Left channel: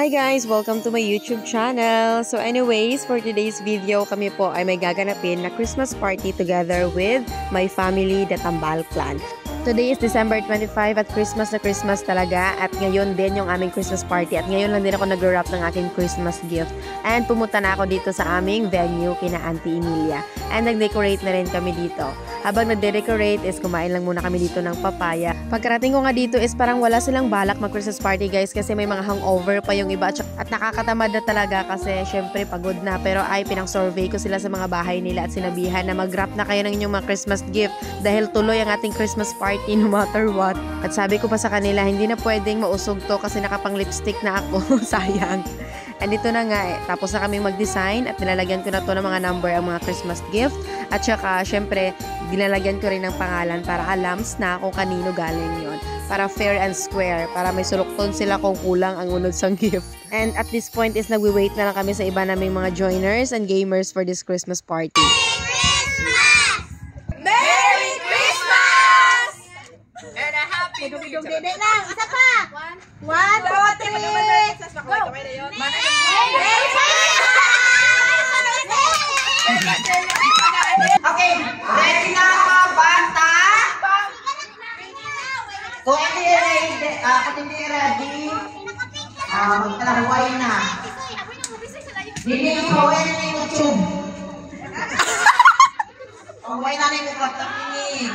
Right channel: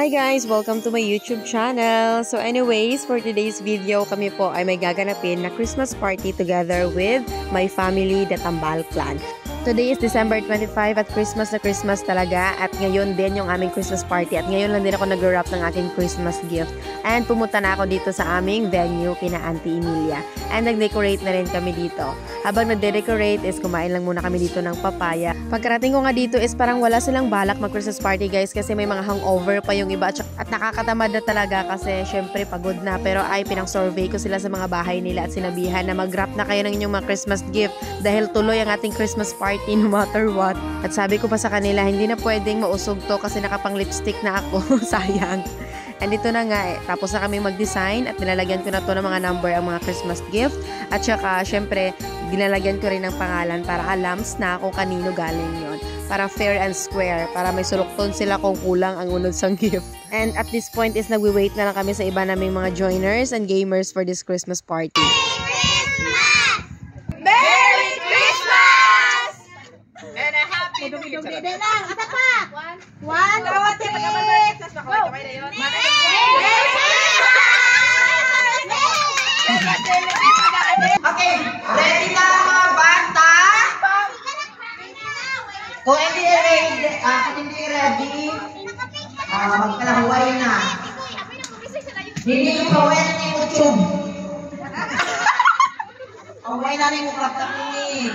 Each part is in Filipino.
Hi guys! Welcome to my YouTube channel. So anyways, for today's video, kami po ay may gaganapin na Christmas party together with my family, the Tambal Clan. Today is December 25 at Christmas na Christmas talaga at ngayon din yung aming Christmas party at ngayon lang din ako nag-wrap ng aking Christmas gift and pumunta na ako dito sa aming venue kina Auntie Emilia and nag-decorate na rin kami dito. Habang nag-decorate is kumain lang muna kami dito ng papaya. Pagkarating ko nga dito is parang wala silang balak mag-Christmas party guys kasi may mga hangover pa yung iba at nakakatamad na talaga kasi syempre pagod na pero ay pinang-survey ko sila sa mga bahay nila at sinabihan na mag-wrap na kayo ng inyong mga Christmas gift dahil tuloy ang ating Christmas party no matter what. At sabi ko pa sa kanila, hindi na pwedeng mausog to kasi nakapang lipstick na ako. Sayang. And ito na nga tapos na kami mag-design at nilalagyan ko na to ng mga number ang mga Christmas gift. At saka, syempre, nilalagyan ko rin ng pangalan para alams na kung kanino galing yon. Para fair and square. Para may sulukton sila kung kulang ang unod sang gift. And at this point is nagwi-wait na lang kami sa iba naming mga joiners and gamers for this Christmas party. One, two, three. Go! Okay, ready na mga bata? Kung hindi ready, magkalahuay na. Hindi yung pawin na yung YouTube. Huway na rin yung laptop ni.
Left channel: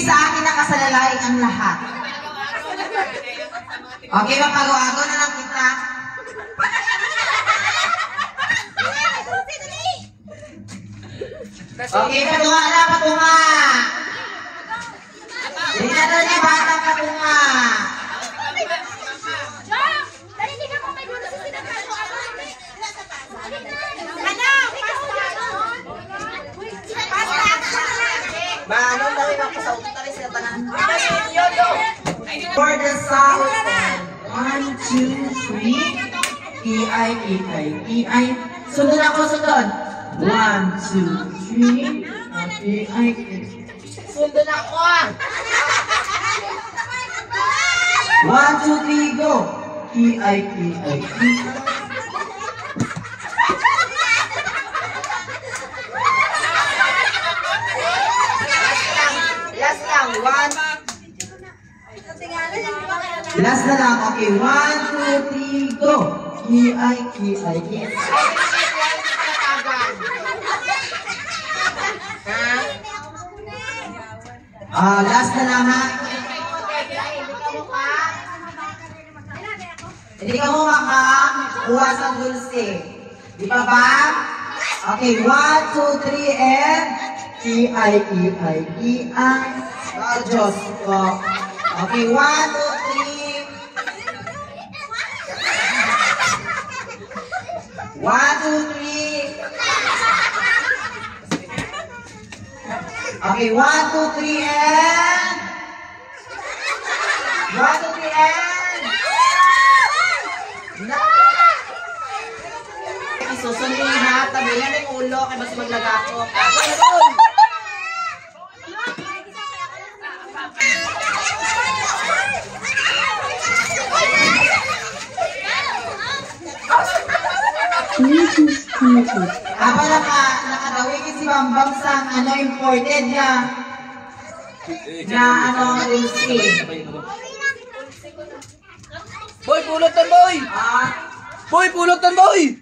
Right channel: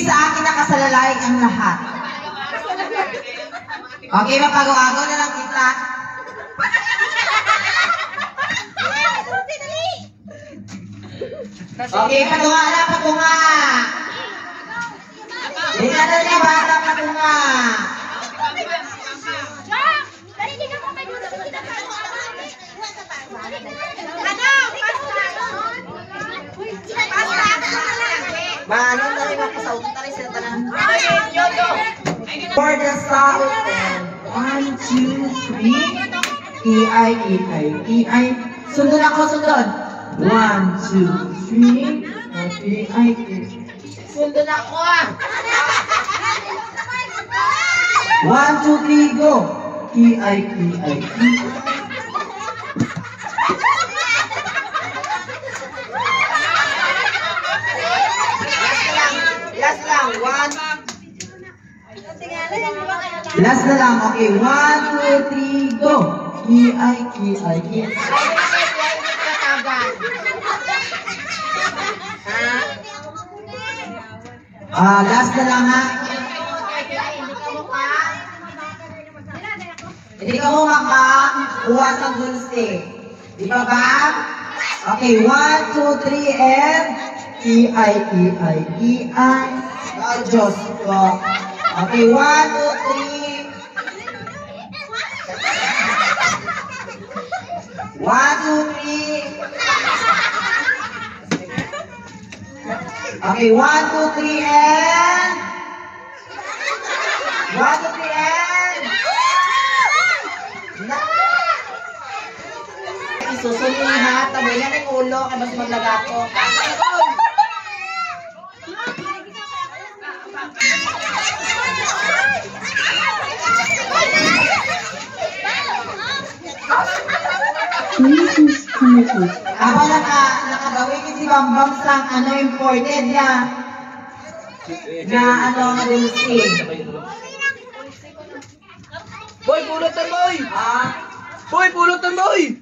Sa akin nakasalalay ang lahat. Okay, mapagawa-gawa na lang kita. Okay, patunga na, patunga. Hindi na ni bata, patunga. Ano na rin ako sa utak rin sila tanan. For the sound, 1, 2, 3, E-I, E-I, E-I. Sundon ako, sundon. 1, 2, 3, E-I, E-I. Sundon ako. 1, 2, 3, go. E-I, E-I, E-I. Last na lang, okay. 1, 2, 3, go! E-I, E-I, E-I. Last na lang ha. Hindi ka mo makakuha sa dulce. Di ba ba? Okay, 1, 2, 3, and E-I, E-I, E-I. Diyos ko. Okay, 1, 2, 3. 1, 2, 3. Okay, 1, 2, 3, and 1, 2, 3, and isusunod ha, tabihan ng ulo kaya mas maglagato. Aba nakagawin si Bambang sa ano imported niya na ano ang dulce. Boy, pulutan boy! Boy, pulutan boy!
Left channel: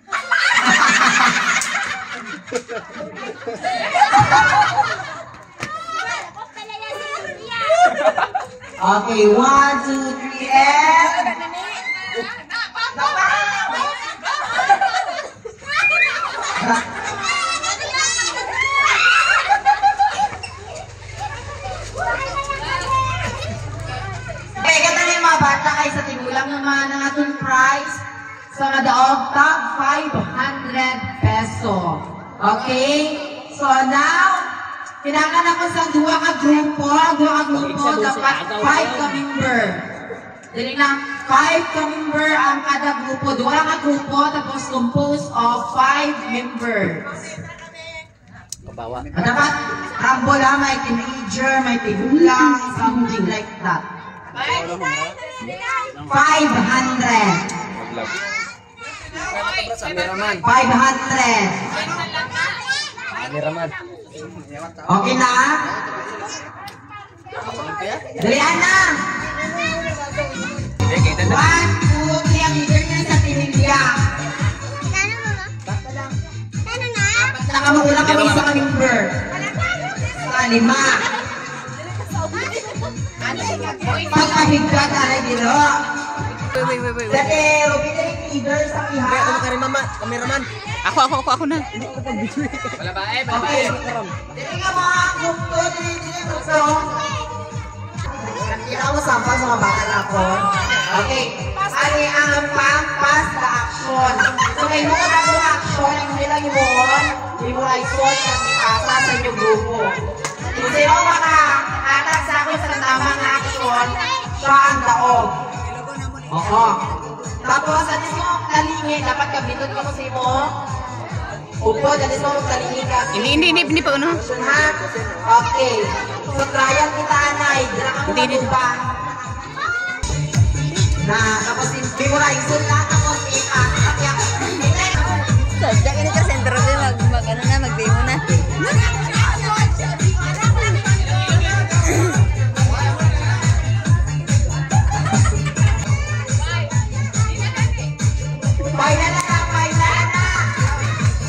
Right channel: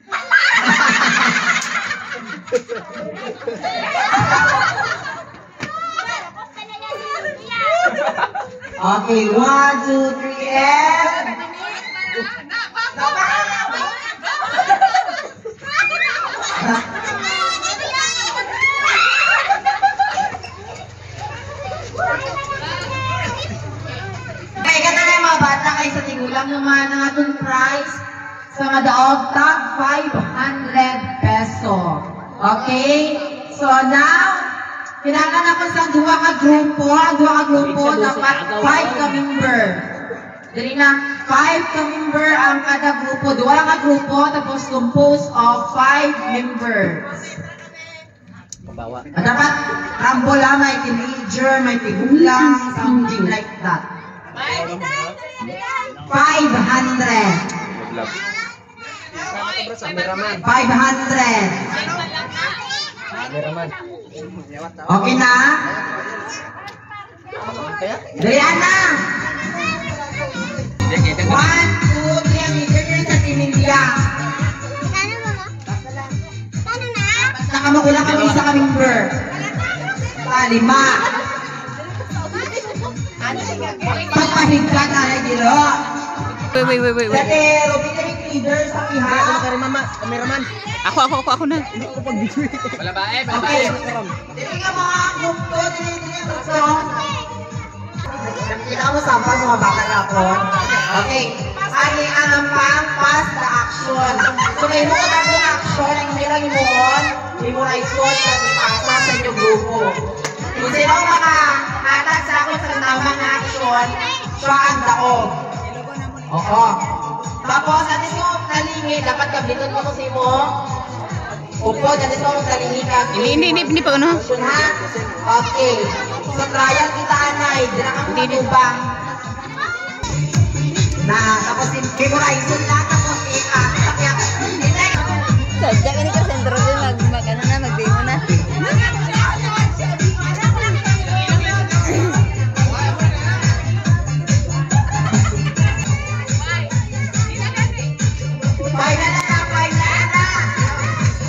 Okay, 1, 2, 3, and sa tigulang yung mga natong price sa madaog top 500 peso. Okay? So now, kailangan ako sa duwa ka grupo. Dapat 5 ka member. Dali na, 5 ka member ang kada grupo. Duwa ka grupo, tapos composed of 5 members. Dapat rambola, may teenager, may tigulang, something like that. 500. love. Cameraman. 500. Cameraman. Okay na? Dalihan na! 1, 2, 3 ang leader niya sa Team India. Nakamakulang kami sa member. Sa 5. Pagkabigkat ay dilo. Wait. Dati, Robin na yung leader sa iha. Cameraman. Ako na. Balabae. Okay. Dili ka mga kumpo, dili gusto. Nakita mo sampal sa mga baka na po. Okay. Ani ang pang-pass na action. So may mga na action, ang nilang imuon, hindi mo na isuot sa pasa sa inyong grupo. Kung sino makahatag sa akin sa tamang action, siya ang daog. Oo. Tapos, alis mo talingin, dapat kabitin mo kasi mo. Upo, alis mo talingin ka. Hindi pa ano. Ha? Okay. So, trial kita, Anay. Hindi ba? Na, tapos, memorize na, tapos, Sadya ka ni ka sentro din mag-demo na.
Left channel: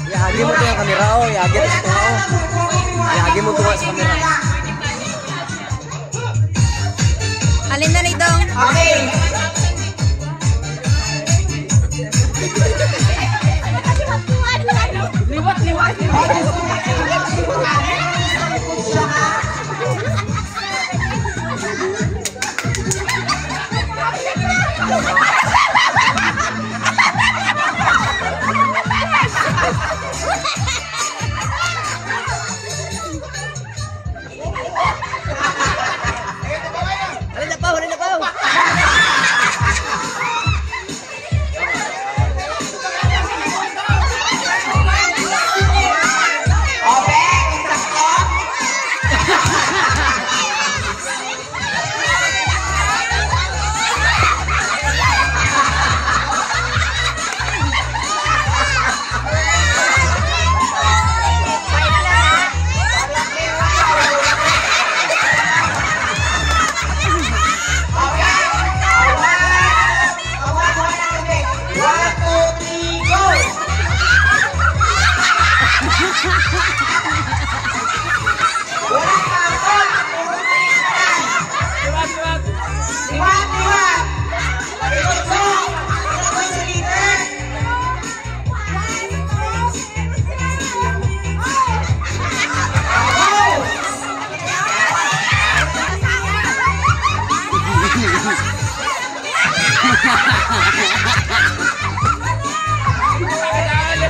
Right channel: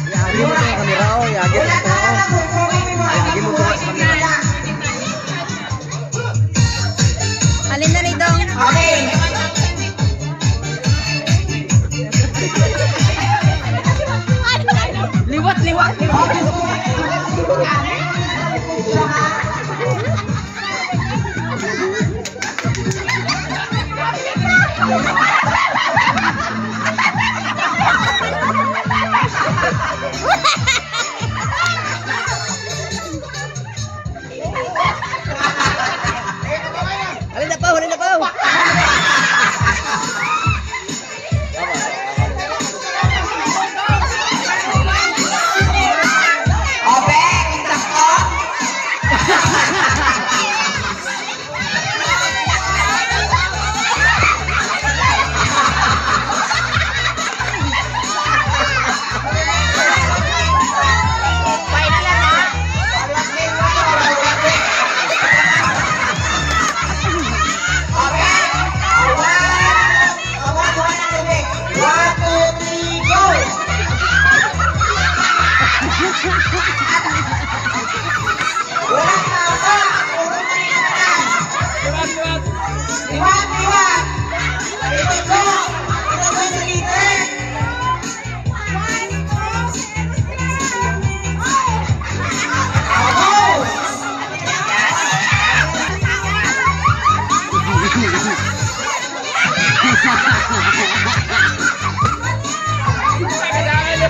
Yagi mo kaya kamera o. Yagi mo kaya sa kamera. Alin na nito? Okay. Liwat. Huli na ko.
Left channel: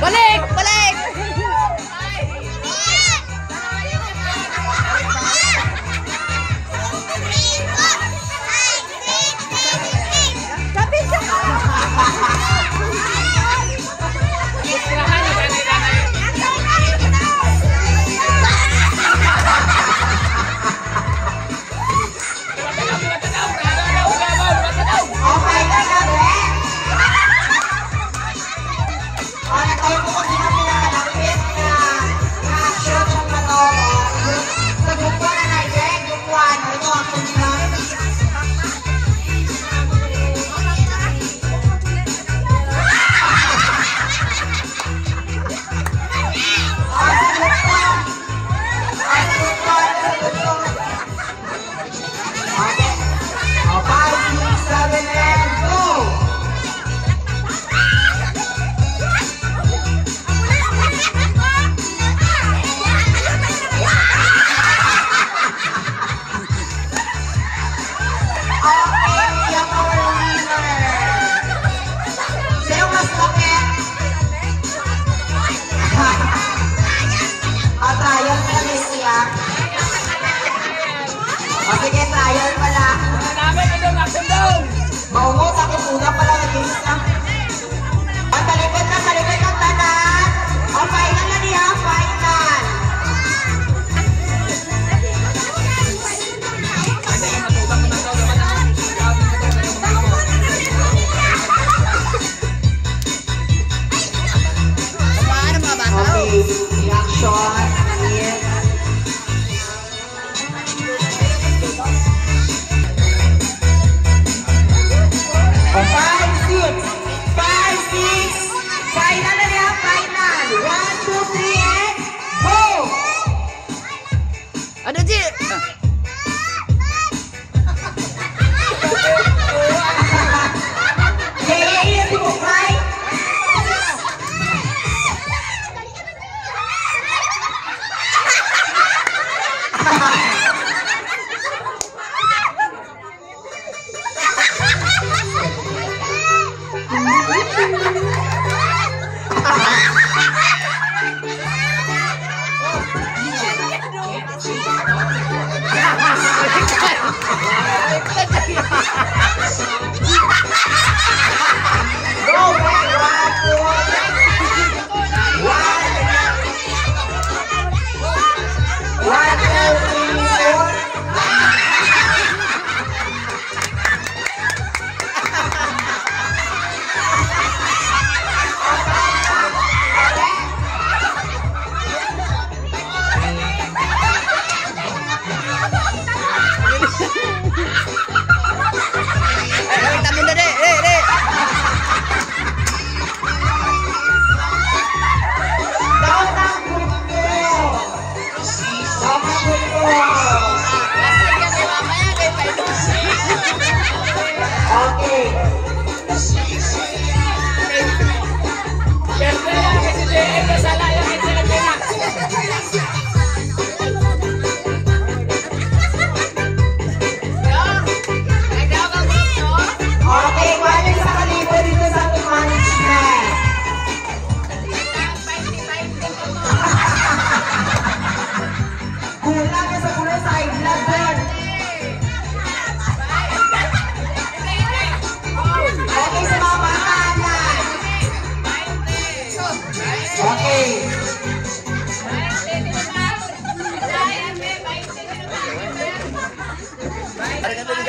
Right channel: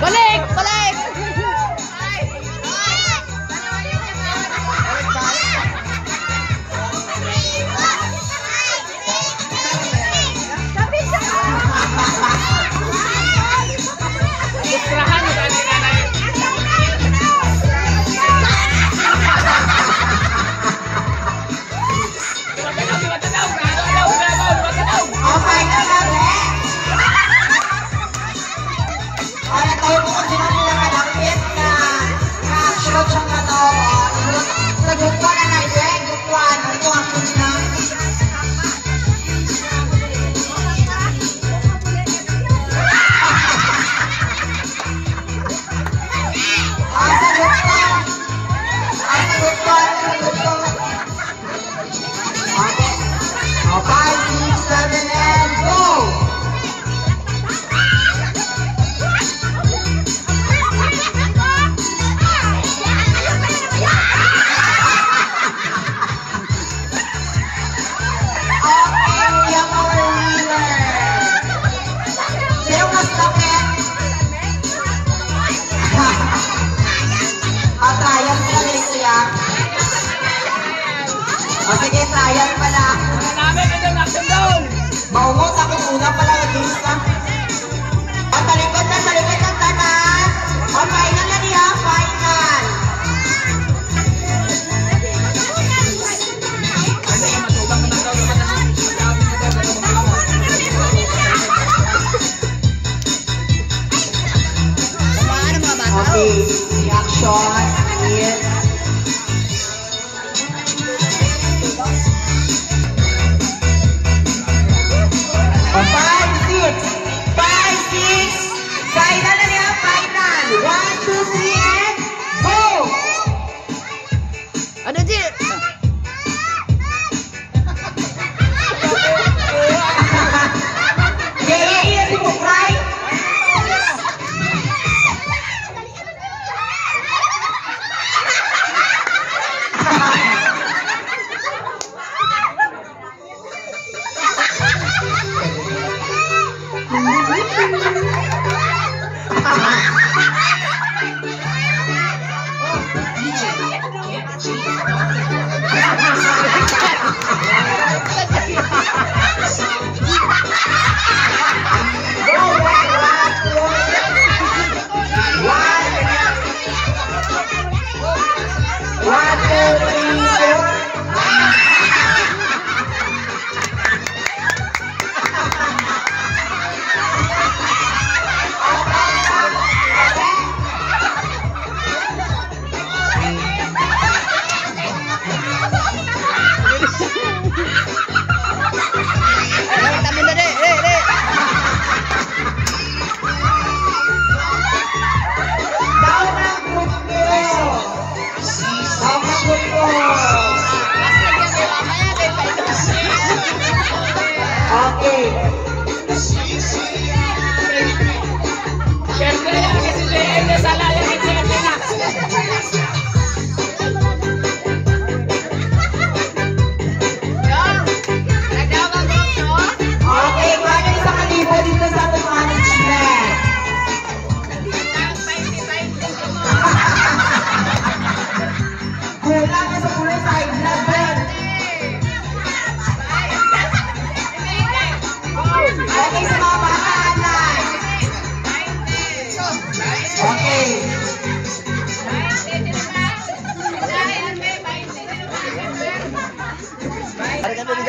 Balik!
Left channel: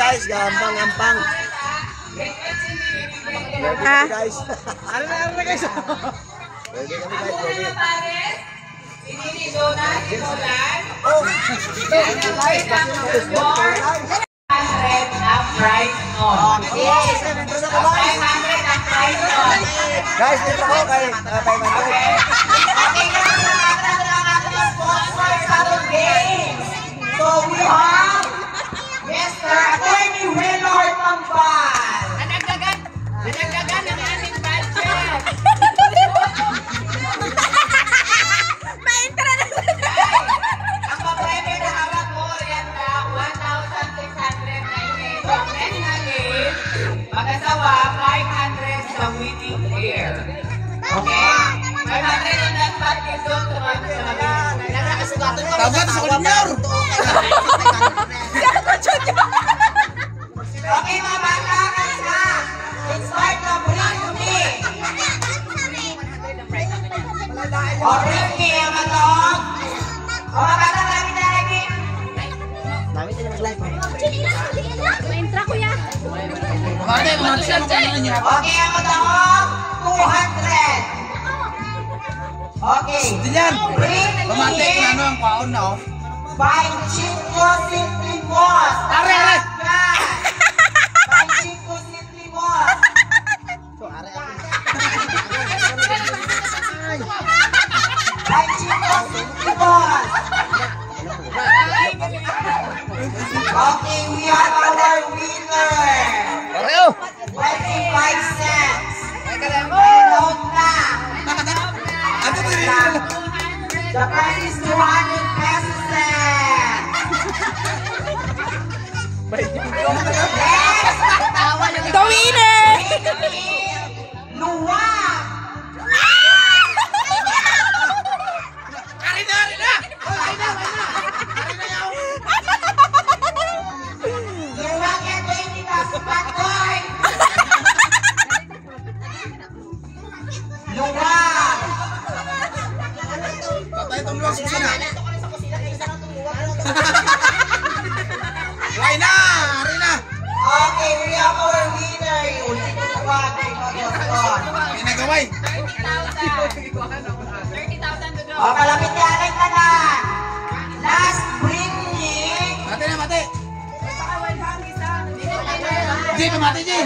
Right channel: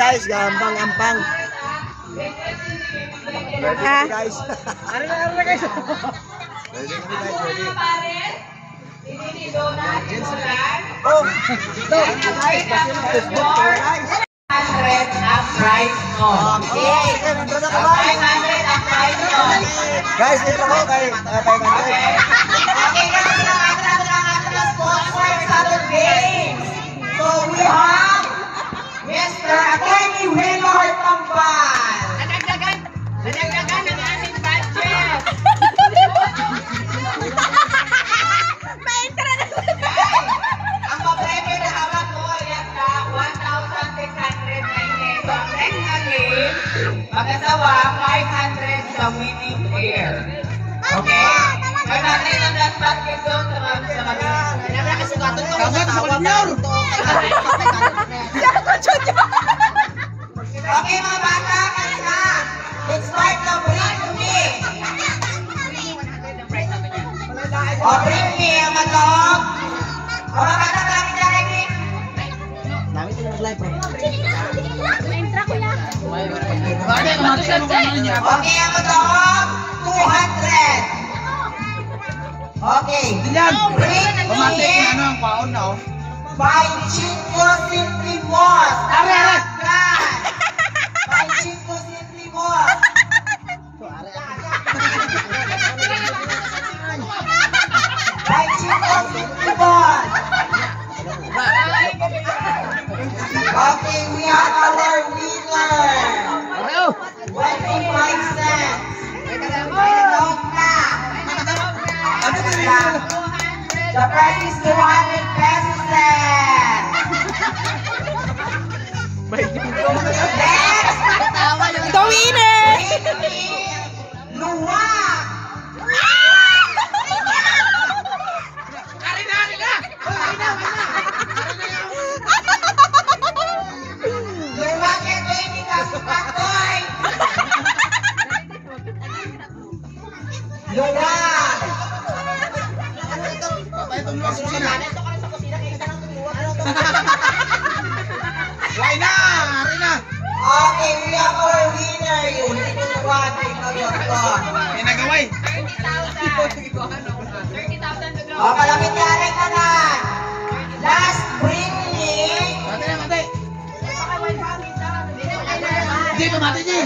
guys, gampang-gampang. Ah. Guys. Ano na guys? Ready kami guys, ready. Oh, guys, basta na Facebook guys. 500 ang price mo. Okay, intro na ko guys. 500 ang price mo. Guys, intro ko kay 500. Okay, kasi naman natin ang ating sponsor sa today. So we have Mr. Attorney Willor Tambal. Nadagdagan ang ating budget. Ang papremyo na hawak mo, yan na 1,690. So next natin, mag-asawa, 500 sa winning pair. Okay? 500 ang dapat kito sa mga Kasugatan ko sa junior. Okay, mga bata, kanina. Let's start na. Bring me. O, bring me. Ang matog. O, mga bata, maraming direct. Okay, ang matog. 200. Okay. Bring me. ang kwaon na oh. 5 Chico Simply Boss. Are. 5 Chico Simply Boss. 5 Chico Simply Boss. Okay, we have our winner. 25 cents. Hello na. The price is 200 pesos. Next. The winner! Luwag. Luwag yan, baby. Kasukakoy. Luwag. Okay, we have our winner. Yun. Luwag. Pinagaway. 30,000 O, kalapit ka rin ka na. Last bring me. Mati. Di pa mati, Ji.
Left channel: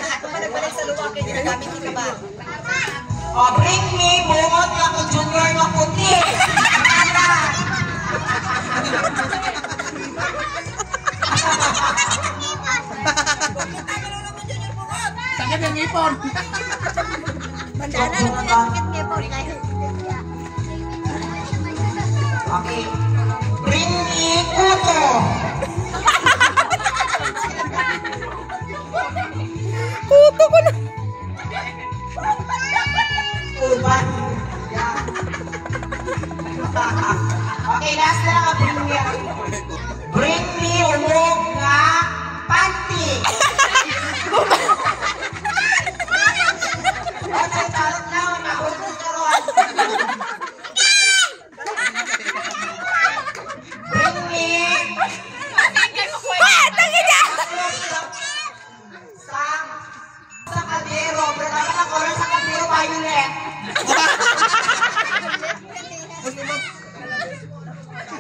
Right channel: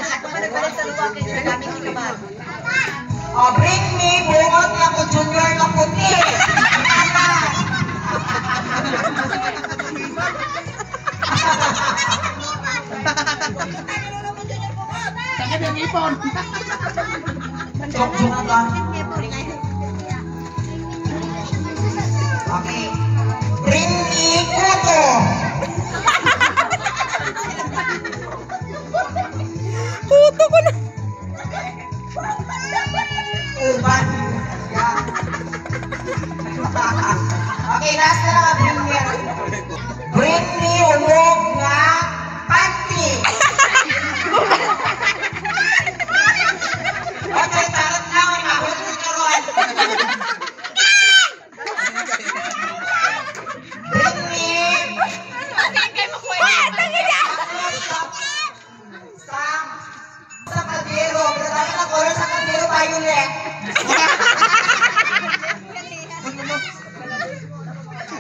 O, bring me. Bungot na ko junior na puti. Sakit yung ipon. Okay. Bring me kuto. Kuto ko na. Uban. Okay, last na lang bring me. Bring me ulog nga panty. Okay, charot lang. Mahulog ko karon. Bring me. Sa kaldero. Pagkakala na color sa kaldero, violet.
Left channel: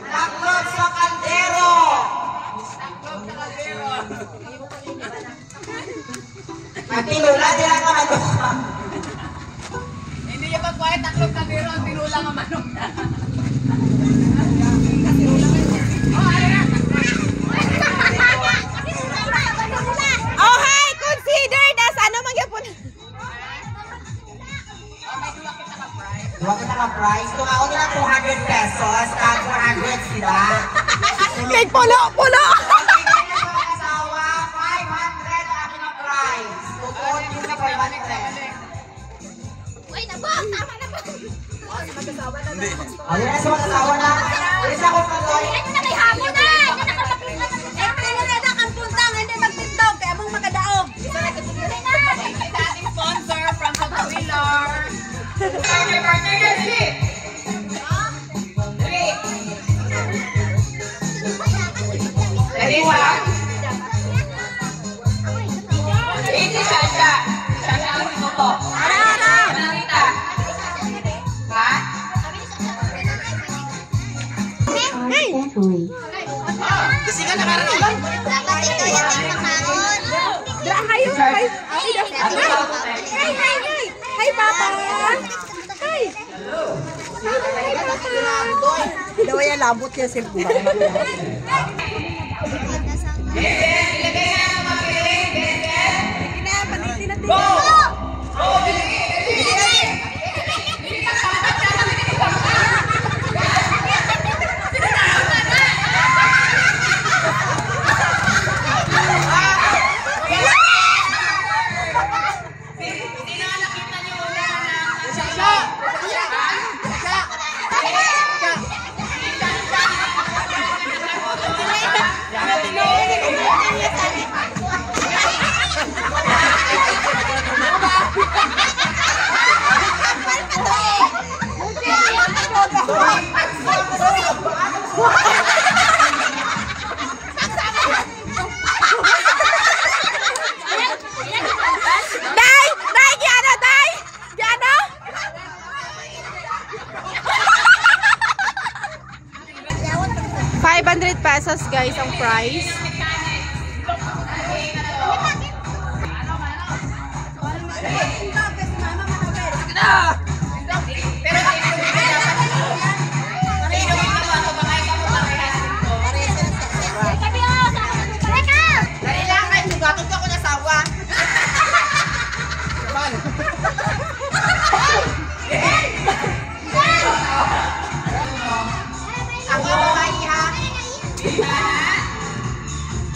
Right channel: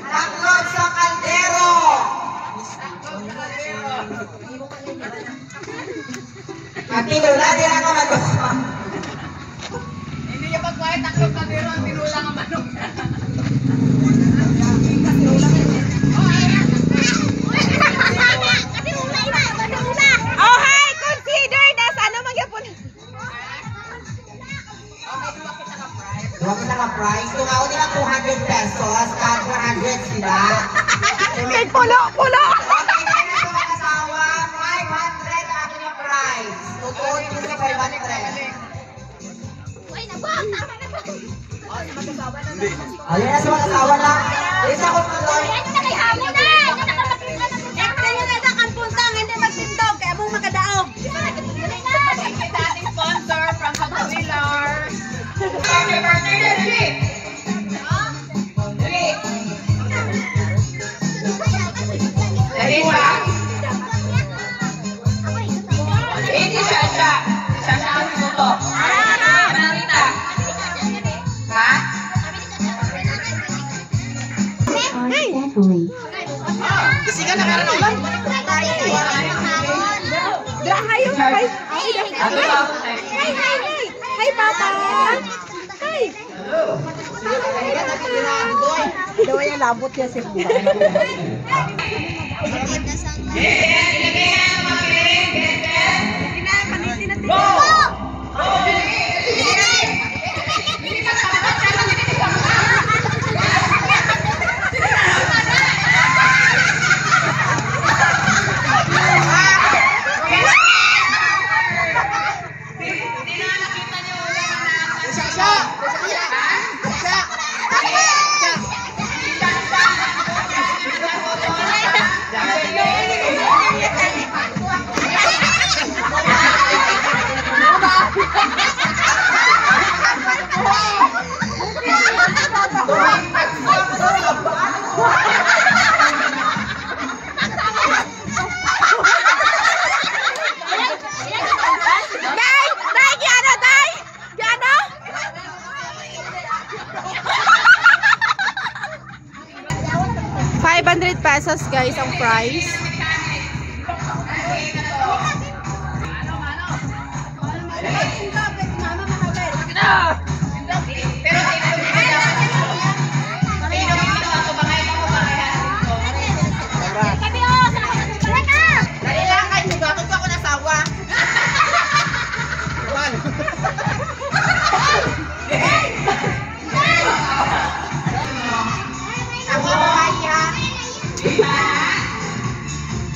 Taklog sa kaldero. Magpilula, di lang naman ito. Hindi niya pagkuhay, taklog ka pero ang tinulang ang manok. Oh, hi! Considered as ano magyapon? Duwa kita ka price. Kung ako nila 200 pesos, kahit 400 sila. May pulo! Okay, na ito ang asawa. 500 ating ang price. Tutulog yun sa 500. Ayun na sa mga asawa na. Isa ko sa doon. Ating sponsor from Kapuilar. Birthday na, dali! Dali, ha? Hi, Papa! Hi! Dawa yan, labot yan si ₱500 guys ang price. Pero ilog mo dapat ito. Ilog mo ako, bangay ka mo parehas ito. Dali lang, kahit sugatot ako nasawa. Ako babae ha.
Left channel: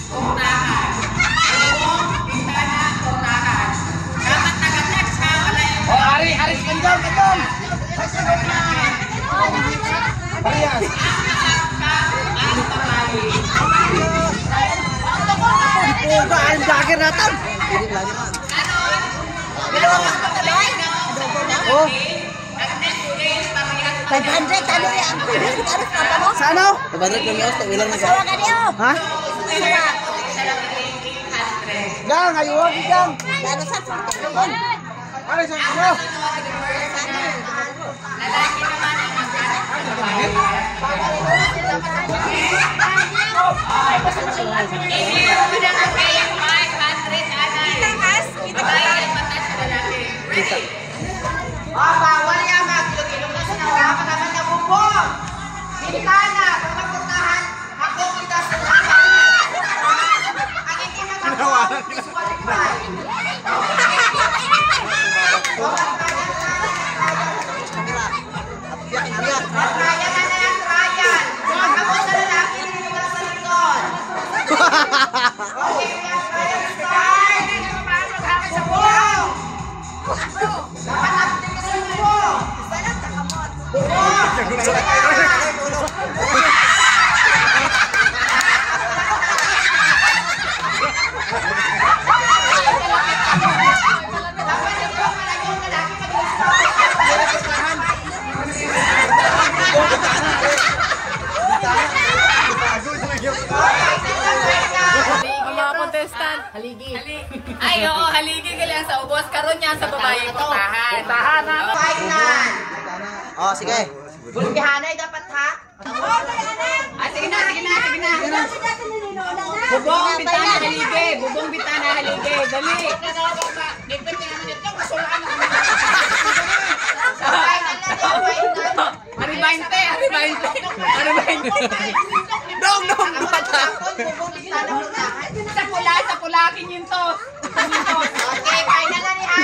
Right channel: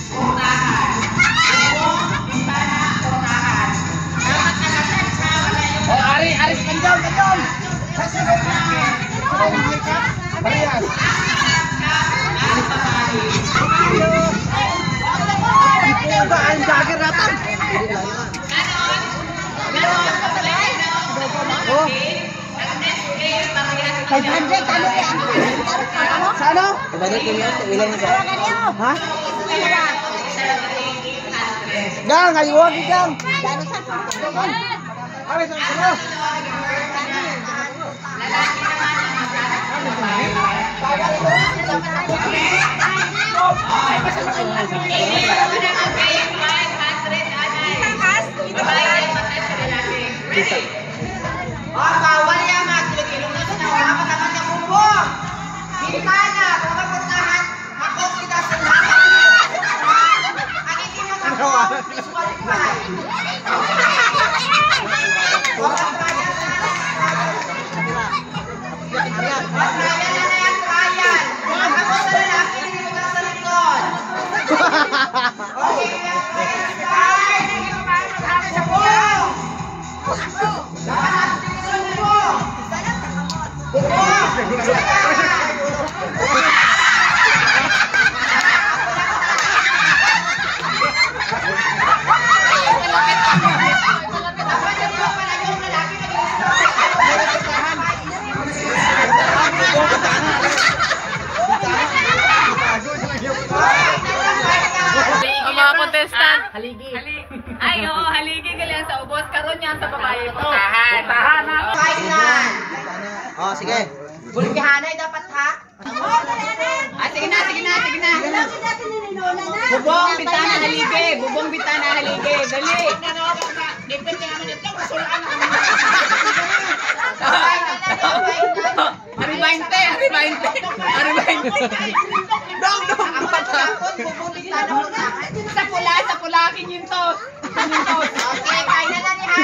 Puntahan. Bintana, puntahan. Dapat nag-attach ha, wala yung... Aris, kanjong! Parehas! Ang babae. Ang jagger natin! Ganon, pagkalit na ako. Nag-next game, parehas. 500, ano yan? Sa ano? 500 yung ito, ilan nito? Ha? Gang, ayun, gang! Para sa ano? Lalaki naman ang maghanap ng babae. Hindi mo na mag-pay 500 anay. Babae ang matas sa lalaki. Ready? Bawal yan mga kilog-kilog na sinawa. Pagkaman niya bubong. Bintana, kung mapuntahan, ako kita sa lahat. Ang hindi mag-ako, disqualify. Trial na yan, trial. Ako sa lalaki, hindi mo sa likod. Okay, start. Bubong. Dapat natin sa bubong. Bubong. Dapat yung pala yung lalaki Ang mga contestant. Haligi. Ay, oo, haligi ka lang sa ubos. Karoon niya sa babae puntahan. Final. Oh, sige. Bulkihanay dapat ha? Sige na. Bubong, bitana, haligi. Bubong, bitana, haligi. Dali. Depende naman ito. Masulaan naman. Aribainte. Sa pulakin yun to. Okay, kaya na dali ha.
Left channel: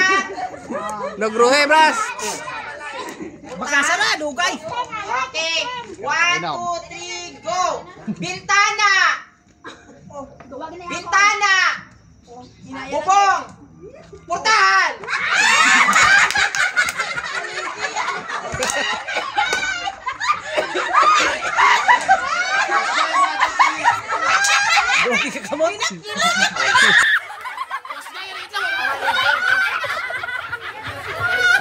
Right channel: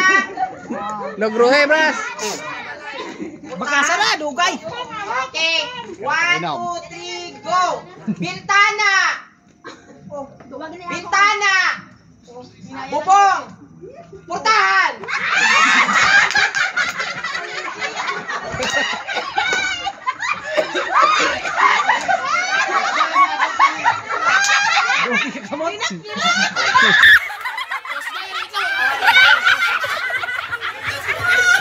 Nagruhe, bras. Baka sana, dugay. Okay, 1, 2, 3, go! Bintana! Bintana! Bubong! Putahan!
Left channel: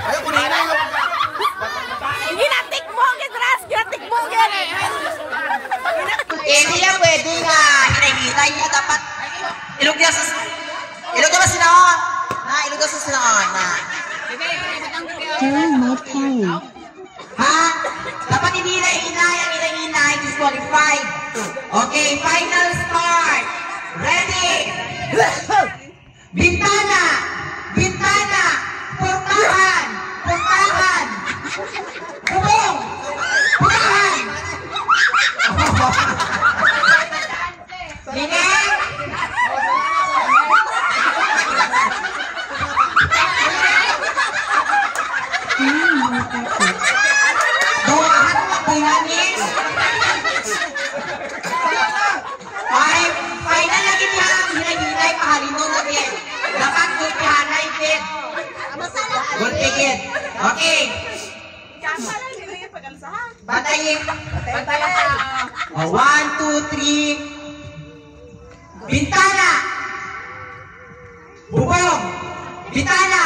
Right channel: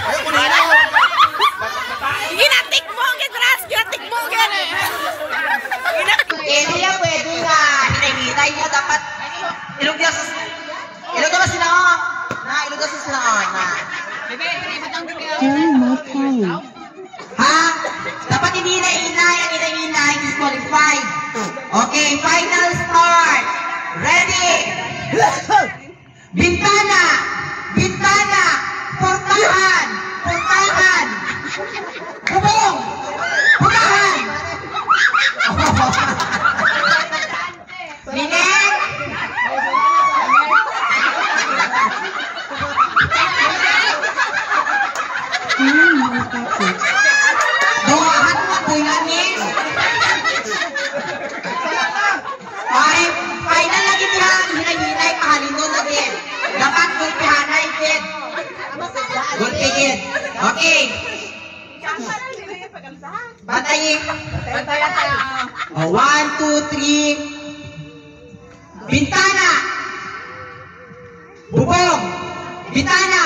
Ayaw ko na yun. Hindi yan pwede nga hinay-hinay mo dapat ilog niya sa sinaon. Ilog niya sa sinaon na. Ha? Dapat hindi hinay-hinay. Ang hinay-hinay disqualified. Okay, final start. Ready? Bintana! Bubong! Putahan! Linek! Duwahan mo tuyanis! Final lagi niya, hinay-hinay, kahalino lagi. Dapat gulpihanay, kid. Gulpigit. Okay. Batayin. 1, 2, 3. Bintana. Bubong. Bintana.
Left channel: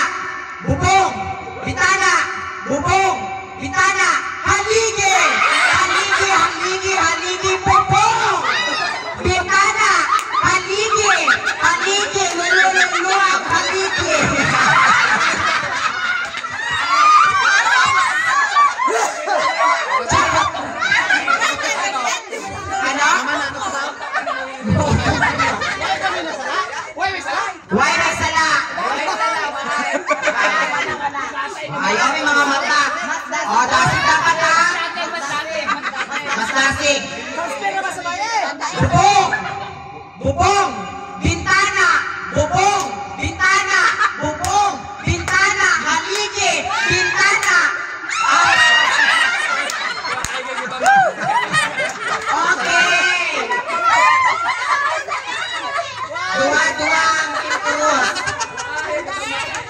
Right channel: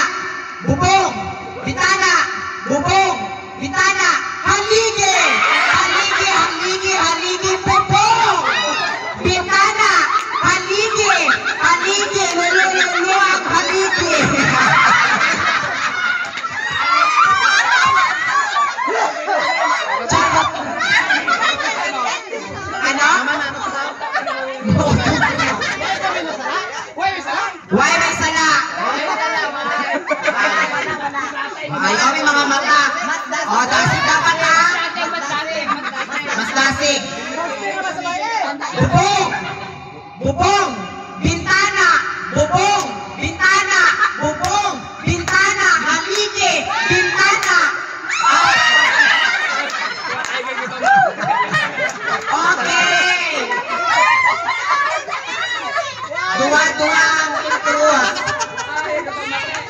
Bubong. Bintana. Bubong. Bintana. Haligi. Haligi, haligi, haligi, bubong. Bintana. Haligi. Haligi. Luluang haligi. Why may sala? Ayaw may mga mata. O, dasig dapat ha? Mas dasig. Bubong! Bubong! Bintana! Bubong! Bintana! Bubong! Bintana! Haligi! Bintana! Okay! Dua ang improve.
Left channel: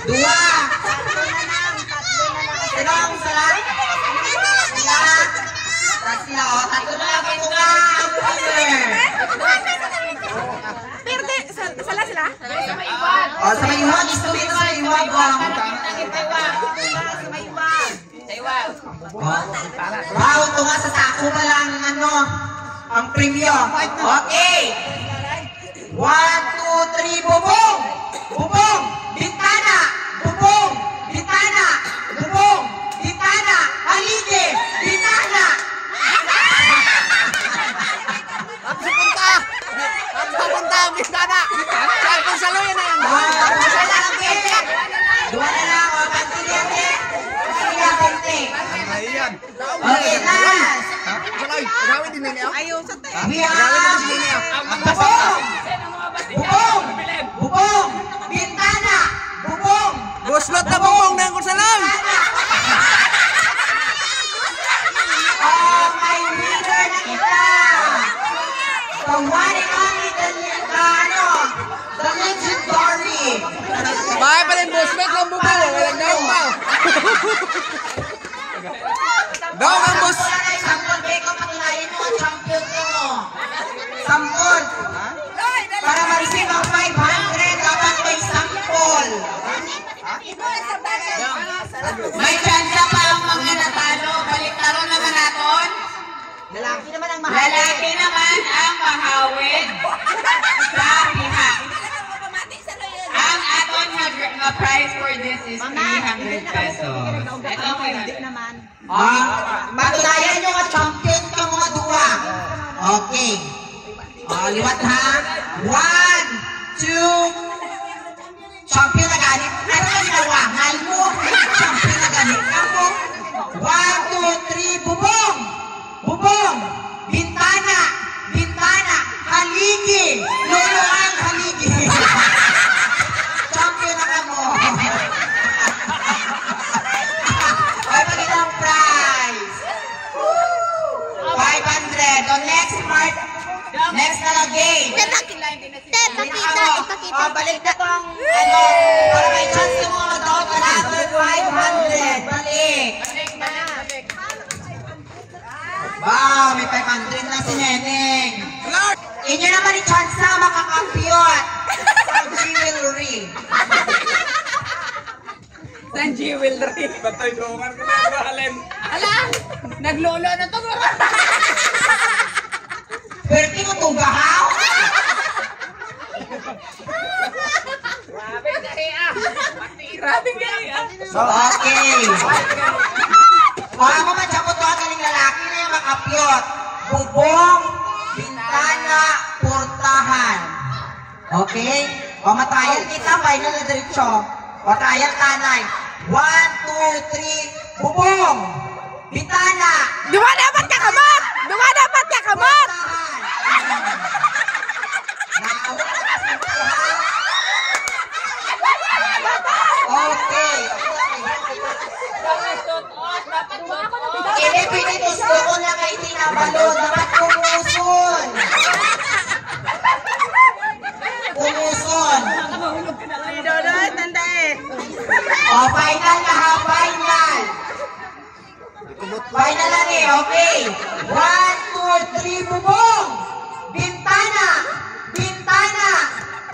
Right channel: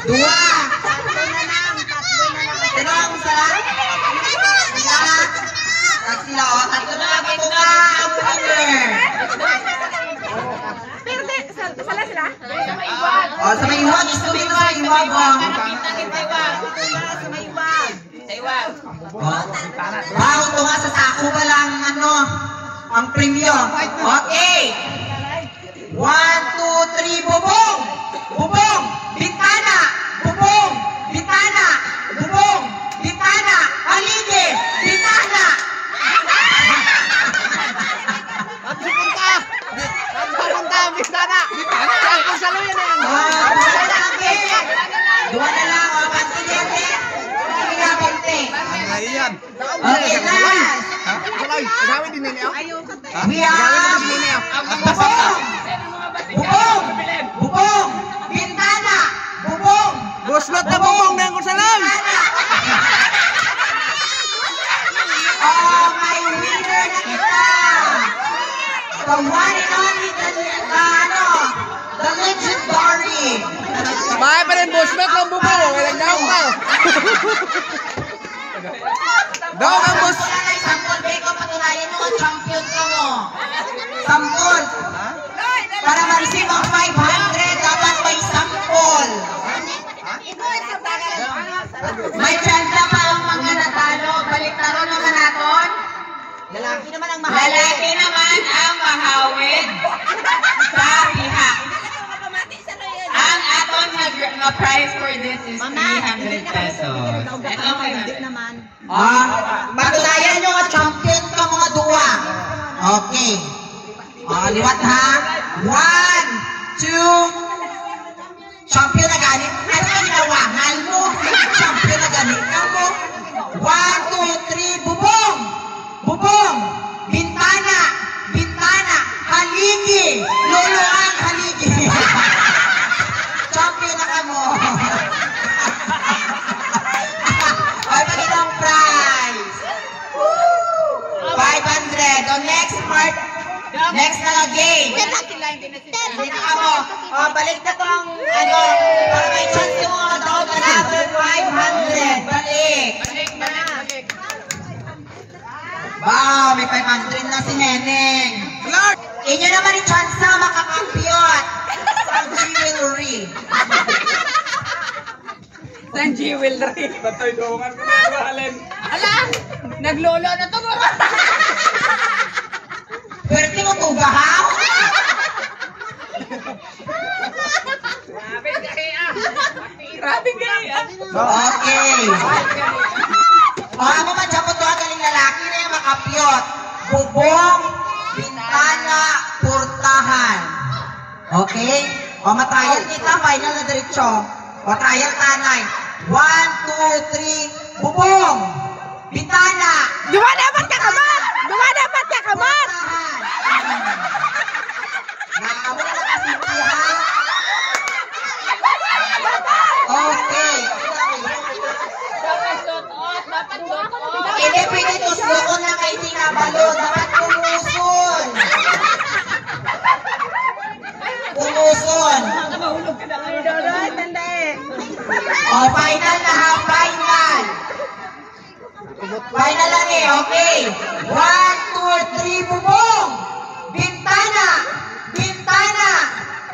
Dua. Tinong sa sila. Sila. O, tatlo na. Ito na ang winner. O, sa may iwan. Gusto mo sa iwan ba? Wow, ito nga sa sako pa lang ang premium. Okay. 1, 2, 3, bubong! Bubong! Bintana! Bubong! Bintana! Bubong! Bintana! Haligi! Bintana! At pupunta! At pupunta ang bintana! Saan kung saluyan na yan? Sala na po yan! Dua na lang o, kantilyan eh! Kantilyan konti! Ayan! Okay, last! Salay! Agawin din nila ako? We are... Agawin din nila ako? Bubong! Bubong! Bubong! Bintana! Bubong! Buslot na bubong na yung salay! Oh, my winner na kita! The one and only, the legendary! Bahay pa rin buslot ng bubong! Walang daw pa! Daw ang bus! Sampol, Beko, patunayan mo, champion ka mo! Sampol! Para ma-receive ang 500, dapat may sampol! May chance pa ang mga natalo. Baliktaro naman natin. Lalaki naman ang mahawid. Lalaki naman ang mahawid. Sa hina. Ang aton na price for this is 300 pesos. Ito naman. Patunayan nyo ang champion pa mga duwa. Okay. Liwat ha. 1, 2, champion na ganit. Ano ang nawangan mo? Champion na ganit ka mo. 1, 2, 3, bubong! Bubong! Bintana! Bintana! Haligi! Luluang haligi! Champion na ka mo. Ay, magandang prize! 500. So next part, next na game. Balik na to ang para may chance yung mga tao na number 500. Balik. Wow, may 500 na si Neneng. Inyo naman yung chance na makakampiyot. Ang jewelry. Ang jewelry. Batoy doongan ko na mahalin. Ala, naglolo na to. Pwerte mo ito bahaw? Grabe kaya. Okay. Ano man siya po ito ang galing lalaki na yung makapyot. Bubong, bintana, portahan. Okay? Pamatayan kita, final na diretso. Batayan kanay. 1, 2, 3, bubong. Bintana. Duwa dapat ka kamot! Duwa dapat ka kamot! Okay. Hindi pwede tuslokon lang kayo tinabalon. Dapat pumuson. Pumuson. O, final na ha, final. Final na rin, okay. 1, 2, 3, bubong. Bintana. Bintana.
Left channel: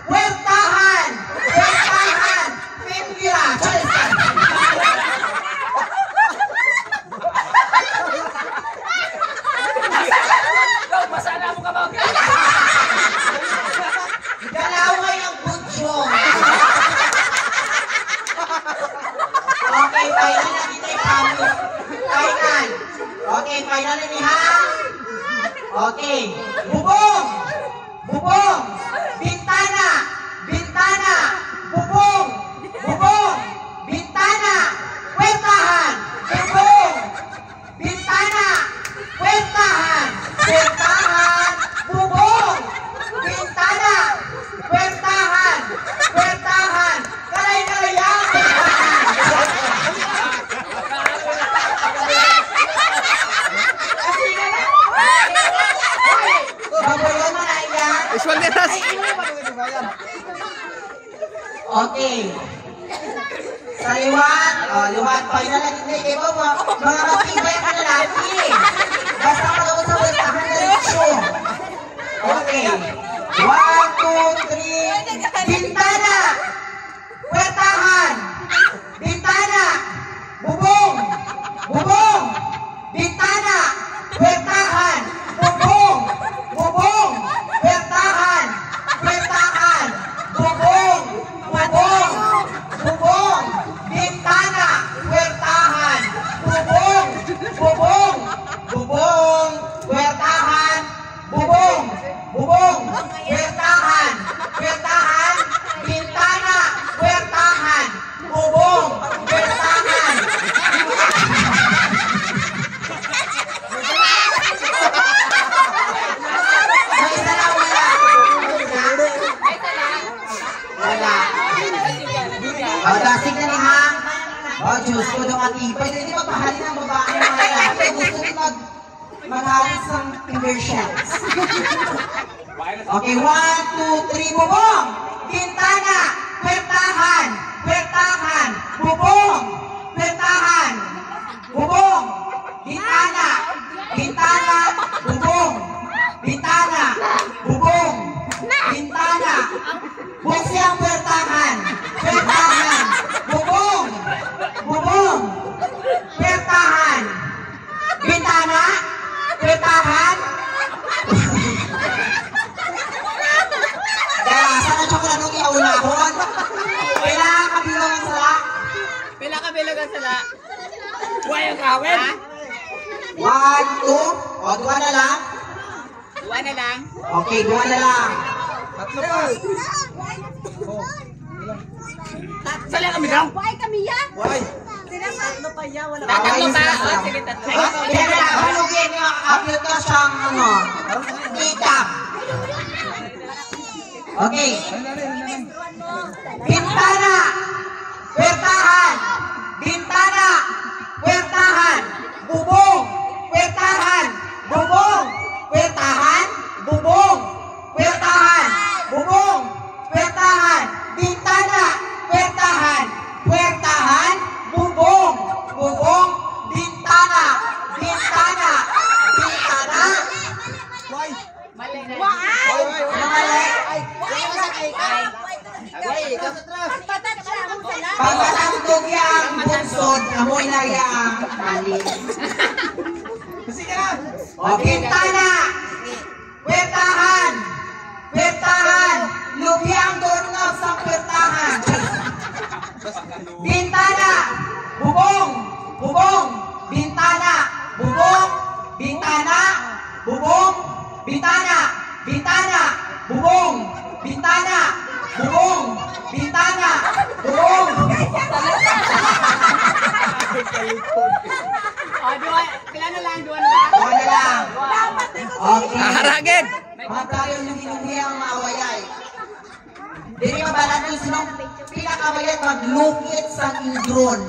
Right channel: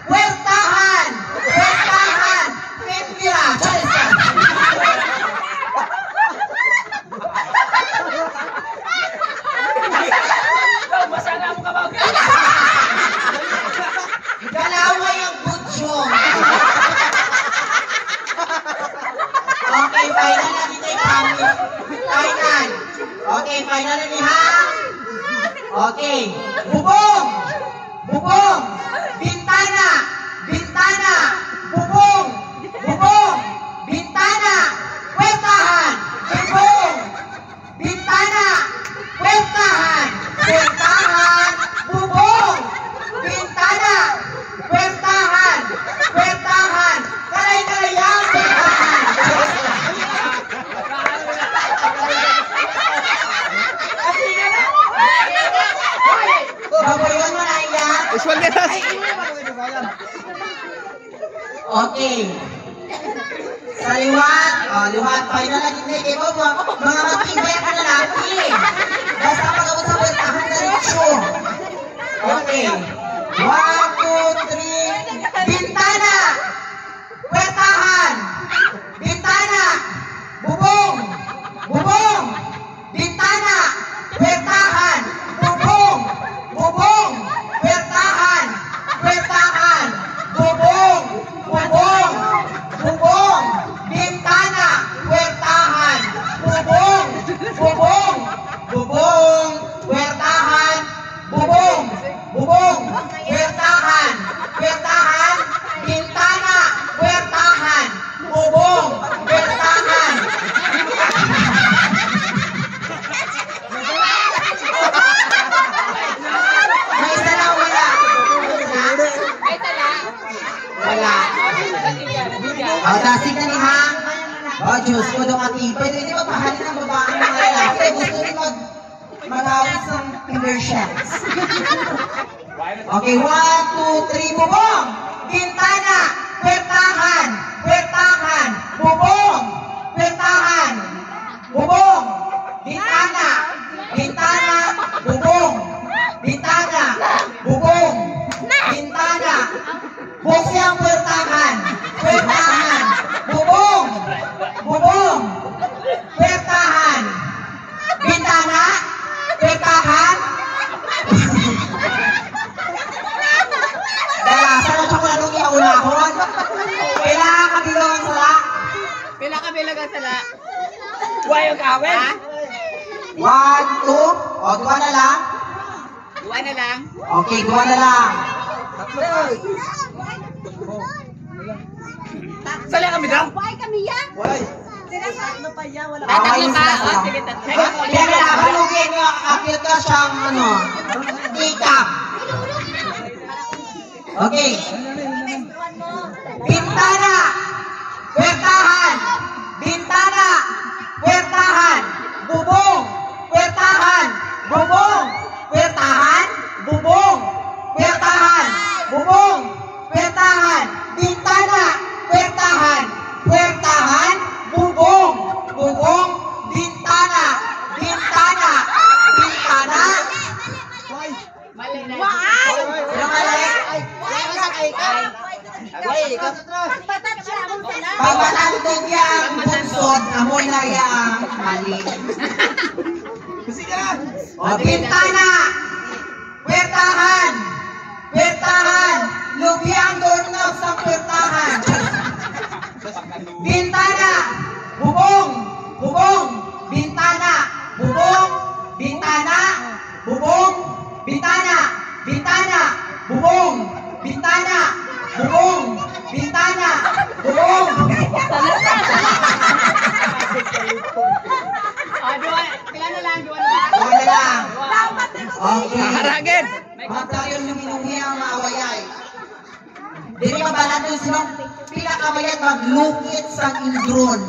Puwertahan. Puwertahan. Pipira. Galaway ang budyong. Okay, final na dito yung promise. Final. Okay, final na niya. Okay. Bubong. Bubong. Bintana. Bintana. Bubong. Bubong. Bintana. Puwertahan. Bubong. Bintana. Puwertahan. Puwertahan. Bubong. Bintana. Puwertahan. Puwertahan. Kalay-kalayang. Babayan mo na yan. Usual netas. Okay. Sa liwat. Liwat. Final na din dito. Mga matibay ka na natin. Basta pagkabot sa puwertahan na rin. Okay. 1, 2, 3. Bintana. Puwertahan. Bintana. Bubong. Bubong. Bintana. Puwertahan. Bubong. Bubong. Puwertahan. Puwertahan. Bubong. Bubong. Bubong. Bintana. Puwertahan. Bubong. Bubong. Bubong. Puwertahan. Bubong. Bubong. Puwertahan. Puwertahan. Bintana. Puwertahan. Bubong. Puwertahan. May isa lang wala. Wala. O, dasig na ni ha. O, Diyos ko, doon katipay. Hindi mapahalin ang babae ng mga lalaki. Gusto rin mag-awit sa commercials. Okay, 1, 2, 3, bubong. Bintana. Puwertahan. Puwertahan. Bubong. Puwertahan. Bubong. Bintana. Bintana. Bubong. Bintana. Bubong. Bintana. Buksi ang puwertahan. Puwertahan. Bubong. Bubong. Puwertahan. Bintana. Puwertahan. Dalasan at siya nung iaulahon. Kailangan kabilang ang sala. Pila ka bilagan sala. Huwag yung kawin. 1, 2. O, 2 na lang. Duwa na lang. Okay, 2 na lang. Sala kami daw. Why kami ya? Away sila sila. Kaya nalaman mo din yung upload ka siyang ano, makeup. Okay. Bintana. Puwertahan. Bintana. Puwertahan. Bubong. Puwertahan. Bubong. Puwertahan. Bubong. Puwertahan. Bubong. Puwertahan. Bintana. Puwertahan. Puwertahan. Bubong. Bubong. Bintana. Bintana. Bintana. Mali na. Ano mali? Why mo sa kay kay? Why ka? Patat siya ang sala. Pagpatandog yang bunsod, amoy na yang mali. O, bintana. Puwertahan. Puwertahan. Lubyang doorknob sa puwertahan. Bintana. Bubong. Bubong. Bintana. Bubong. Bintana. Bubong. Bintana. Bintana. Bubong. Bintana. Bubong. Bintana. Bubong. Okay. Haragin! Magtayong luminuhi ang mga wayay. Dili ka ba nandun sinong pinakamayat maglukit sa indron?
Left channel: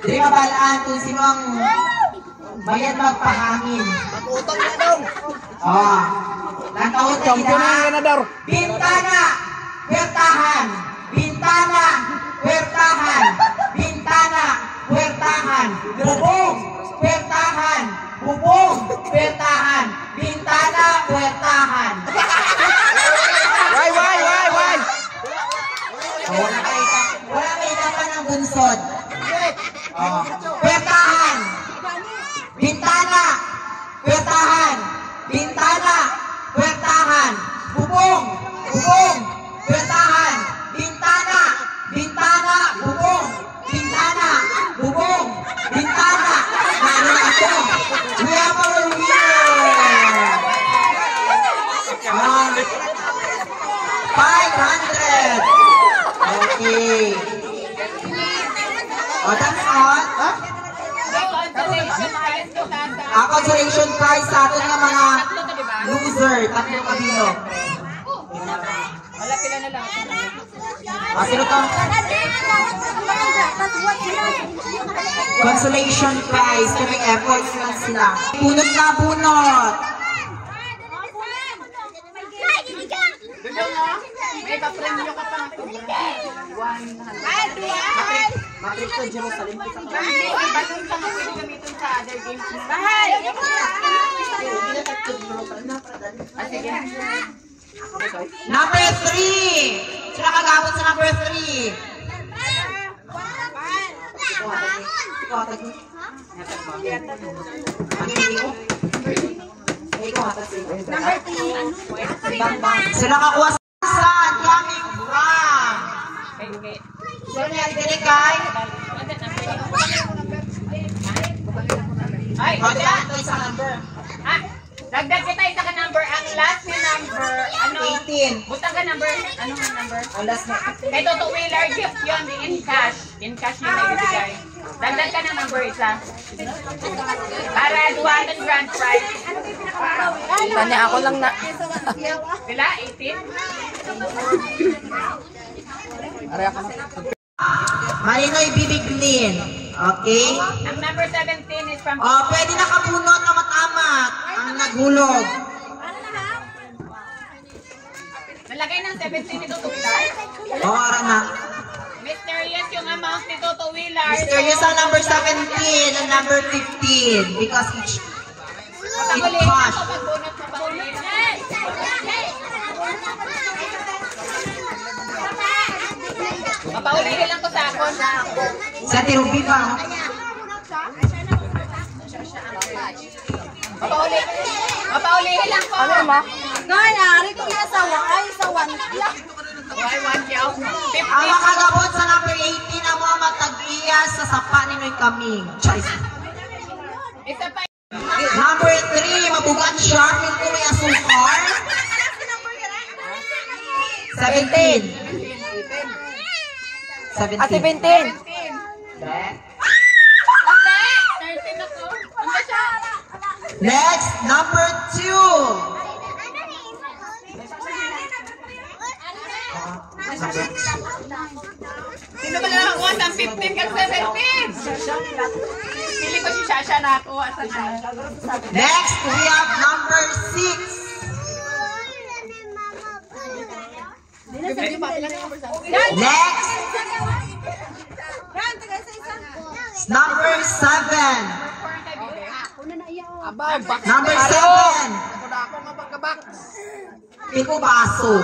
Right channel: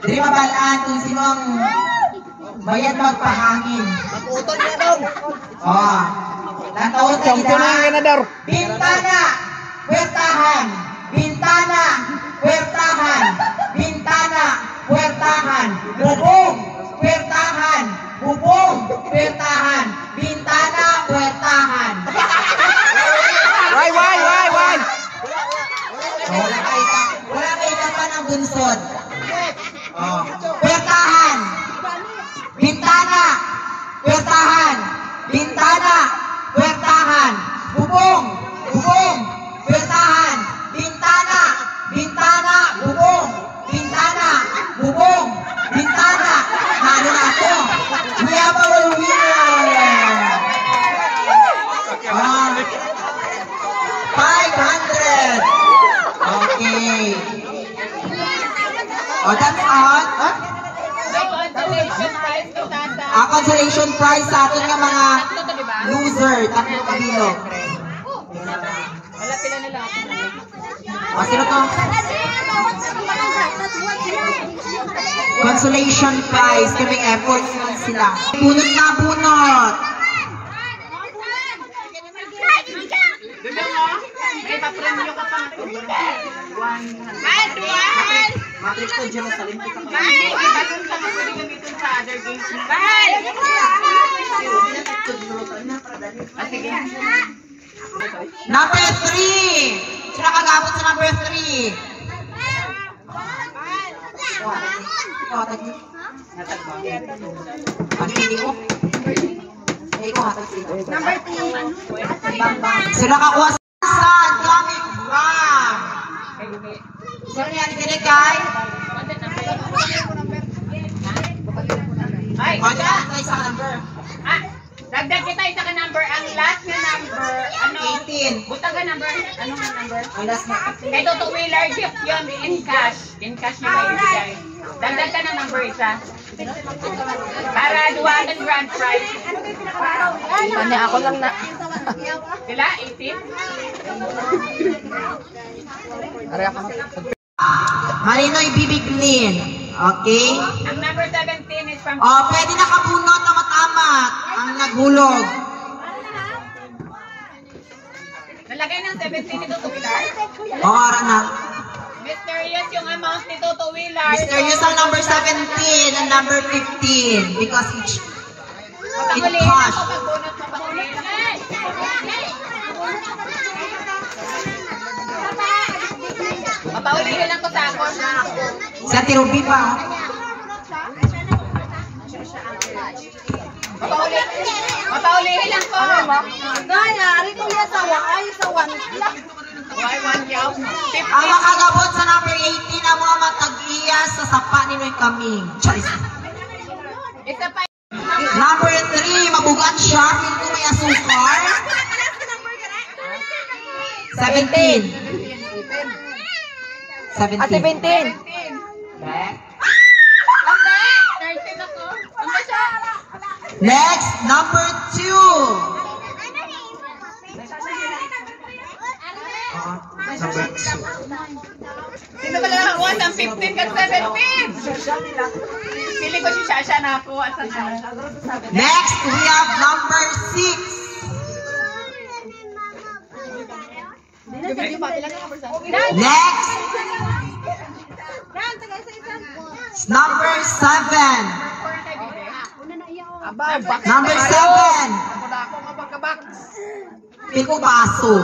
Dili ka ba nandun sinong bayad magpahangin? Nakutan na daw. Nataot Champion na yung ganador. Bintana, puwertahan. Bintana, puwertahan. Bintana, puwertahan. Bubong, puwertahan. Bubong, puwertahan. Bintana, puwertahan. Why? Wala kayo pa ng bunsod. Puwertahan. Bintana, puwertahan. Bintana, puwertahan. Bubong, puwertahan. Bintana, bubong. Bintana, bubong. Bintana. Ano ako? We have our winner. 500. Okay. That's all. Consolation prize sa atin ng mga loser. Tatlo kabilo. Sino to? Consolation prize. Kaming efforts lang sila. Bunot na bunot. Ipapremyo ka pa. Matrix ko Jerusalem. Ibalon ka nga pwede gamitin sa other games mo. Sige. Number 3. Sila kagabot sa number 3. Number 3. Sila kakuha saan coming from? Saan yan binigay? Ay, Sa number. dagdag kita isa ka number. Ang last na number, ano? 18. Buta ka number, anong number? Ang last na. Kay Toto Wheeler, gift yun in cash. In cash nila ibigay. Dagdag ka na number isa. Para duwanan grand prize. Kanya ako lang na. Sila, 18? Marinoy Bibiglin. Okay? Ang number 17 is from... Pwede nakabunot na matamat ang naghulog. Nalagay ng 17 ni Toto Wheeler. Oras na. Mysterious yung amount ni Toto Wheeler. Mysterious ang number 17 and number 15 because it Papahulihin cash. ako pagbunot mo pa ulit. Papaulihin lang ko sa ako. Sa Tirubi ba? Papaulihin lang ko. Nangyari ko na sa one. Ang makagabot sa number 18 ang mga matag-iyas sa sapa ni Noy Kaming. Charis. Isa pa. Number 3, mabugan sharp ito may asukar. 17. 17. Ate 17. Next, number 2. Sino ba nakakuha sa 15 ka 17? Pili ko si Shasha nakakuha sa Shasha. Next, we have number 6. Next, number 7. Number 7. Piko baso.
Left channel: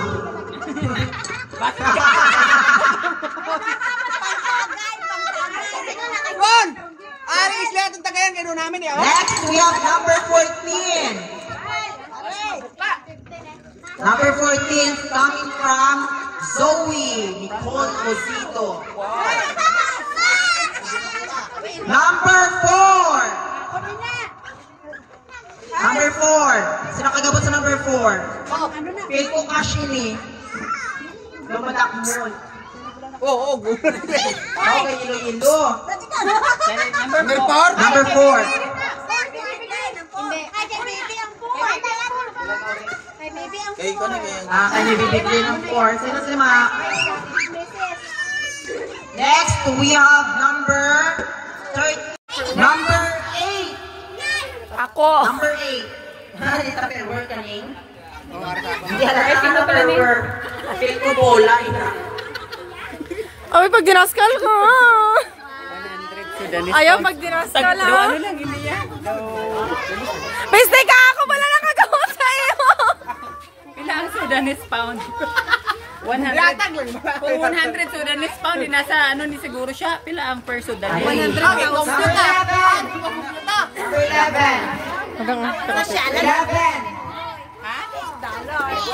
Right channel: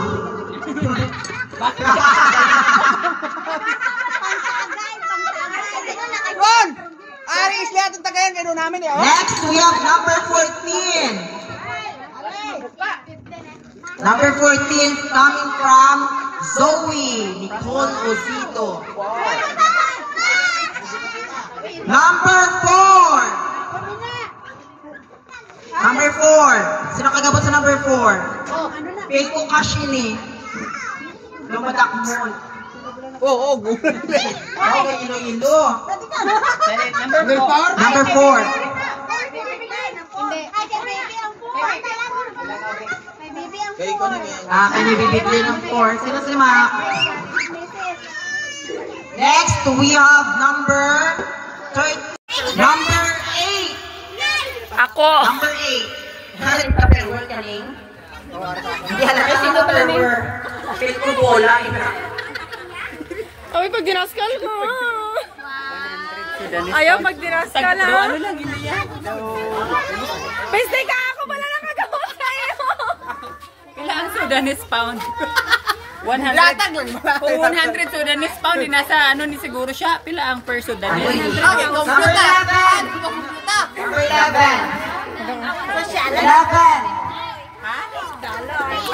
Ron! Ari isla itong tagayan gano'n namin eh. Next, we have number 14. Number 14 coming from Zoe Nicole Rosito. Number 4. Number 4. Sino kagabot sa number 4? Peko Kashini. Lumadak mo. Oo, Okay, ilo-ilo. Number 4. Number 4. Kaya ko na kaya. Kanya bibigli ng 4. Sino si Mark? Next, we have number 8. Ako. Number 8. Halit ka paperwork kaning? Hindi alam eh, sino paperwork? Feel ko bola. Ay, pag dinaskal ko. Ayaw pag dinaskal ha. Ano lang, hindi yan. Piste ka ako pala nakagawa sa'yo. Ilang Sudanese pound? 100. Kung 100 Sudanese pound, nasa ano ni siguro siya. Pila ang per Sudanese? Number 11. Number 11.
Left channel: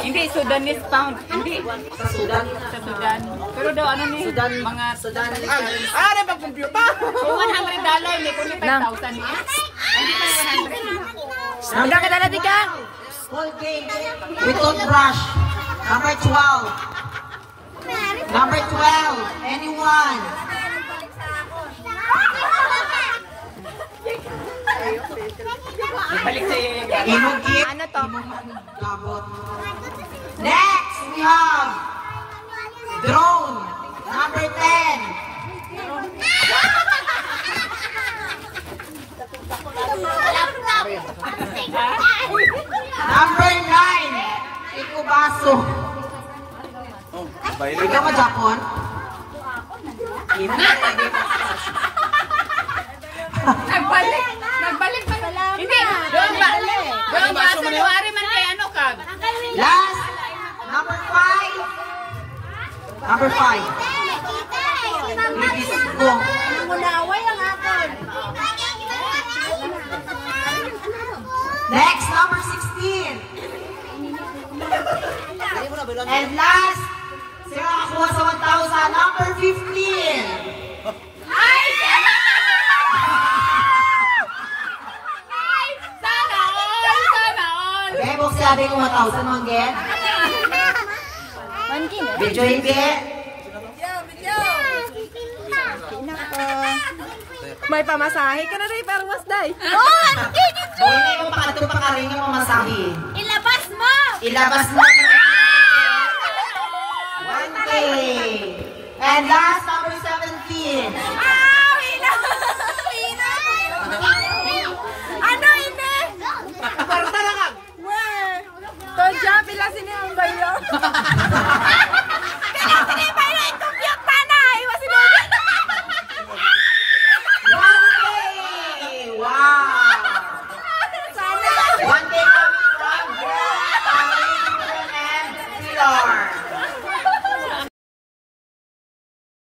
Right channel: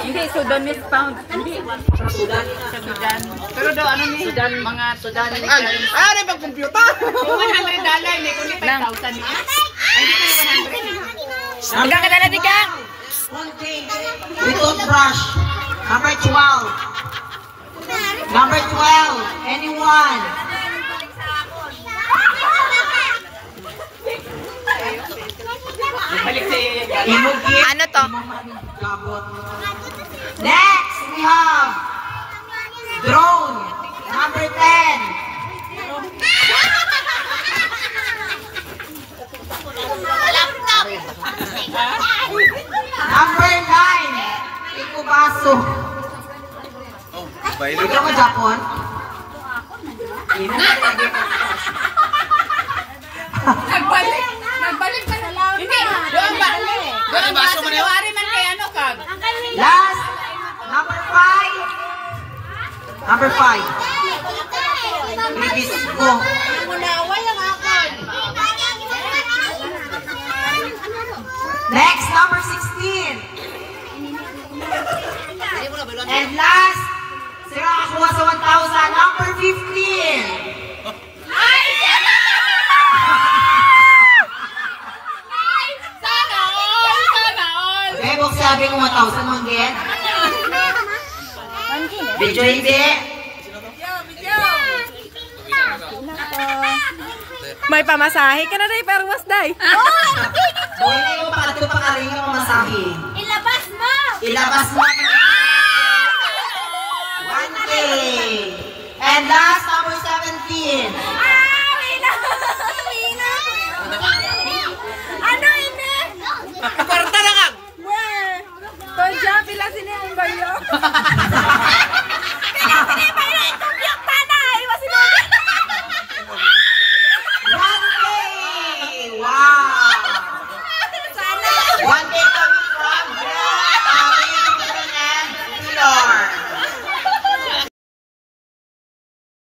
Hindi, Sudanese pound. Hindi. Sa Sudan. Sa Sudan. Pero daw ano ni? Sudan. Mga Sudan. Ano ba computer? Kung $100, may kulit 5,000 niya. Hindi pa 100. Hanggang kadala di ka. We don't rush. Number 12. Number 12. Anyone? Ano to? Next, we have drone. Number 10. Number 9. Ikubaso. Ito ka Japon? Nagbalik pa na lang. Hindi. Doon ba? Doon ba? Sunuwari man kay ano kag? Last, number 5. Number 5. Ibis ko. Next, number 16. And last, sino nakakuha sa 1,000? Number 15. Sana all! Bebo, sabi mo 1,000 mong get? Video hindi. May pamasahe ka na day, pero mas day. Hindi mo para ito pakaringin mo masabi. Ilabas mo! Ilabas mo. 1K. And last, number 17. Ano ini? Kwarta na ka! Weh! Todya, pila sini ang bayo.